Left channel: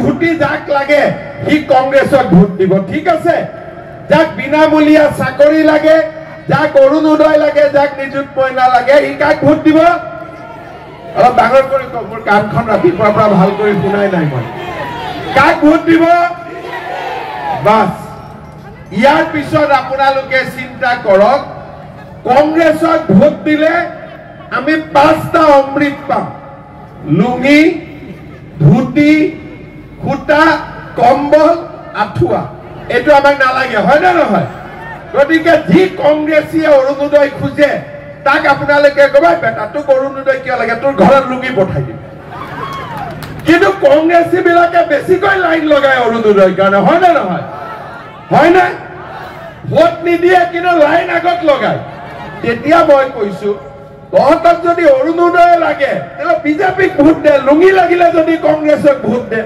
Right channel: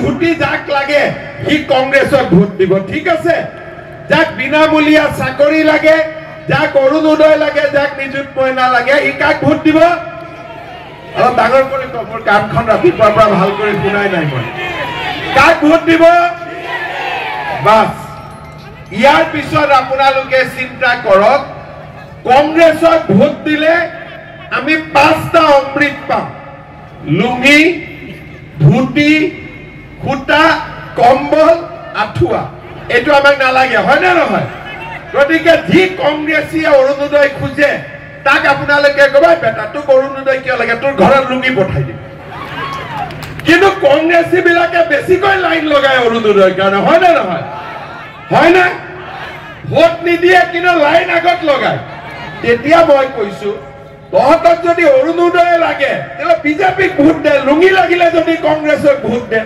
ধুতি যাক লাগে সি কংগ্ৰেছক ভোট দিব ঠিক আছে যাক বিনামূলীয়া চাকৰি লাগে যাক অৰুণোদয় লাগে যাক নিযুত মইনা লাগে ই কাক ভোট দিব অলপ ডাঙৰ কৰি মোৰ কামখন ৰাতিপুৱাৰ পৰা ভাল কৰি শুনাই নাই মই কাক ভোট দিব বাস ইয়াৰ পিছত আপোনালোকে চিন্তা কৰক কংগ্ৰেছক ভোট দিলে আমি পাঁচটা অমৃত পাম লুঙি ধুতি খুটা কম্বল আঠুৱা এটো আমাক নালাগে হয় না নহয় গতিকে যি কংগ্ৰেছীয়ে অৰুণোদয় খুজে তাক আপোনালোকে কবা বেটা তোক অৰুণোদয় কিয় লাগে তোৰ ঘৰত লুঙি পঠাই দিম কিন্তু কংগ্ৰেছী বিলাকে বেছিকৈ লাইন লগায় অৰুণোদয়ৰ কাৰণে হয় না নহয় হয় না ভোট নিদিয়ে কিন্তু লাইন আগত লগায় তেতিয়া মই কৈছো তহঁতক যদি অৰুণোদয় লাগে তেলে বিজেপিক ভোট দে লুঙি লাগিলে যদি কংগ্ৰেছক ভোট দে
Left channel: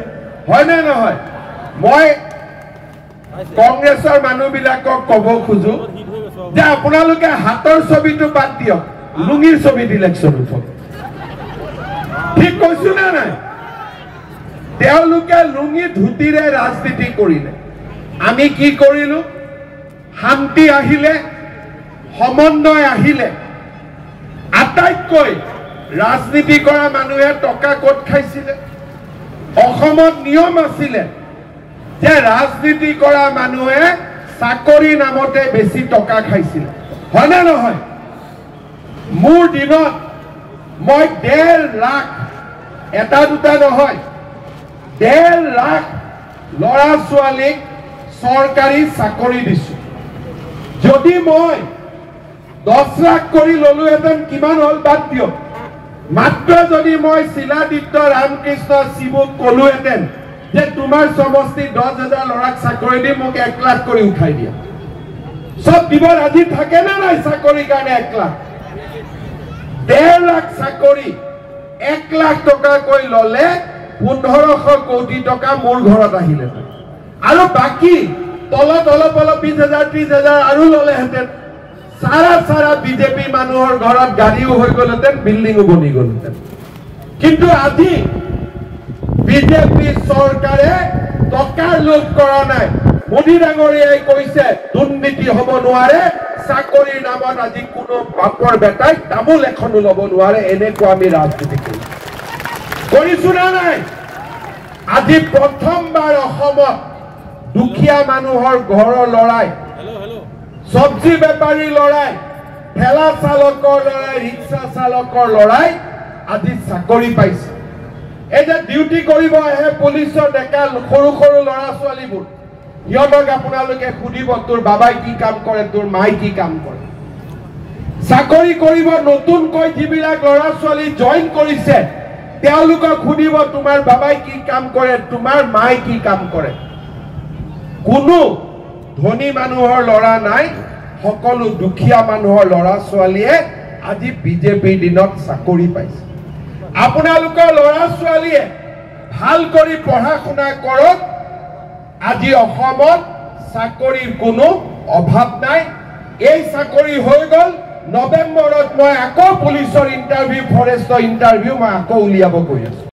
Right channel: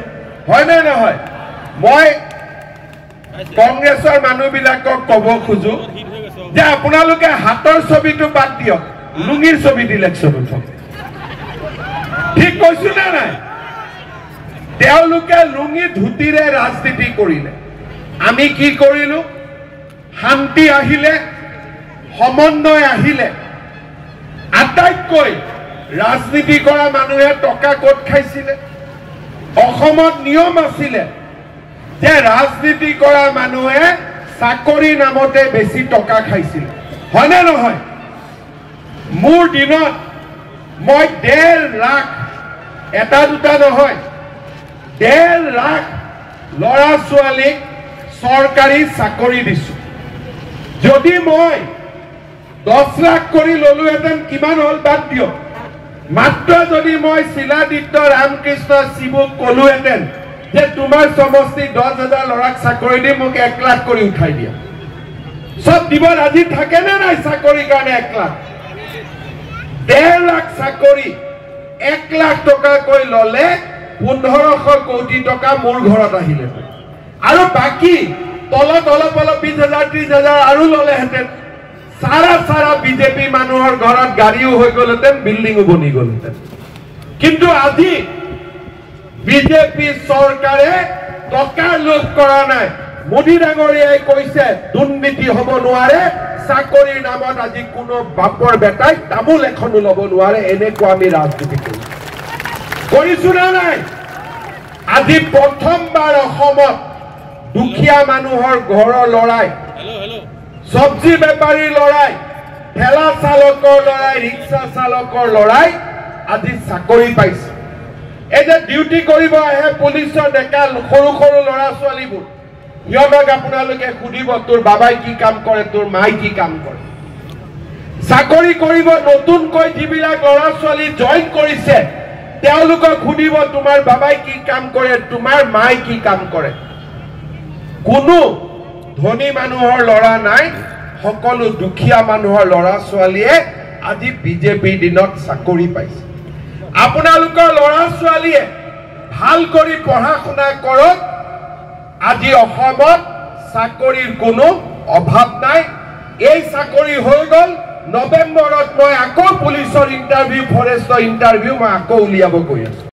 হয় না নহয় মই কংগ্ৰেছৰ মানুহবিলাকক ক'ব খুজো যে আপোনালোকে হাতৰ ছবিটো বাদ দিয়ক লুঙিৰ ছবিত ইলেকশ্যন উঠক ঠিক কৈছো না নাই তেওঁলোকে লুঙি ধুতিৰে ৰাজনীতি কৰিলে আমি কি কৰিলো শান্তি আহিলে সমন্বয় আহিলে আটাইতকৈ ৰাজনীতি কৰা মানুহে টকা ক'ত খাইছিলে অসমত নিয়ম আছিলে যে ৰাজনীতি কৰা মানুহে চাকৰি নামতে বেছি টকা খাইছিল হয় না নহয় মোৰ দিনত মই 1.5 লাখ এটা দুটা নহয় 1.5 লাখ ল'ৰা ছোৱালীক চৰকাৰী চাকৰি দিছো যদি মই 10 লাখ কৰি ললোহেঁতেন কিমান হল বাদ দিয়ক মাত্ৰ যদি মই শিলাদিত্য ৰামকৃষ্ণ শিবুক কলোহেঁতেন যে তোমাৰ সমষ্টি 10,000 ল'ৰাক চাকৰি দি মোক 1 লাখ কৰি উঠাই দিয়া সব দিব ৰাজি থাকে নে নাই চাকৰিৰ কাৰণে 1 লাখ 1.5 লাখ চাকৰি 1 লাখ টকা কৈ ললে 1500 কোটি টকা মোৰ ঘৰত আহিলে আৰু বাকি তলত অলপ 20,000 30,000 আৰু ললেহেঁতেন সাৰা বিজেপি মানুহৰ ঘৰত গাড়ীও হৈ গলতেন বিল্ডিংও বনি গলতেন কিন্তু আজি বিজেপি চৰকাৰে টকা লোভ কৰা নাই মোদী ডাঙৰীয়াই কৈছে দুৰ্নীতি হ'ব নোৱাৰে চাকৰিৰ নামত আজি কোনো বাপৰ বেটাই তামোল এখনো ল'ব নোৱাৰে এনেকুৱা আমি ৰাজনীতি কৰিছো না নাই আজি প্ৰথমবাৰ অসমত দুখীয়া মানুহৰ ঘৰৰ লৰাই সবজি বেপাৰী লৰাই ঠেলা চালকৰ লৰাই ৰিক্সা চালকৰ লৰাই আজি চাকৰি পাইছে এই যে ডিউটি কৰিব আহে পুলিচৰ ডেকা সৰু সৰু লৰা ছোৱালীবোৰ ইহঁতক আপোনালোকে সুধিব তোৰ বাবাই কি কাম কৰে তোৰ মাই কি কাম কৰে চাকৰি কৰিব নতুনকৈ যিবিলাক লৰা ছোৱালী জইন কৰিছে তেওঁলোকক সুধিব তোমাৰ বাবাই কি কাম কৰে তোমাৰ মাই কি কাম কৰে কোনো ধনী মানুহৰ লৰা নাই সকলো দুখীয়া মানুহৰ লৰা ছোৱালীয়ে আজি বিজেপি দিনত চাকৰি পাইছে আপোনালোকৰ লৰা ছোৱালীয়ে ভাল কৰি পঢ়া শুনা কৰক আজি অসমত চাকৰিৰ কোনো অভাৱ নাই এই চাকৰি হৈ গল নৱেম্বৰত মই আকৌ পুলিচৰ ইন্টাৰভিউ ফৰেষ্টৰ ইন্টাৰভিউ মই আকৌ উলিয়াব গৈ আছো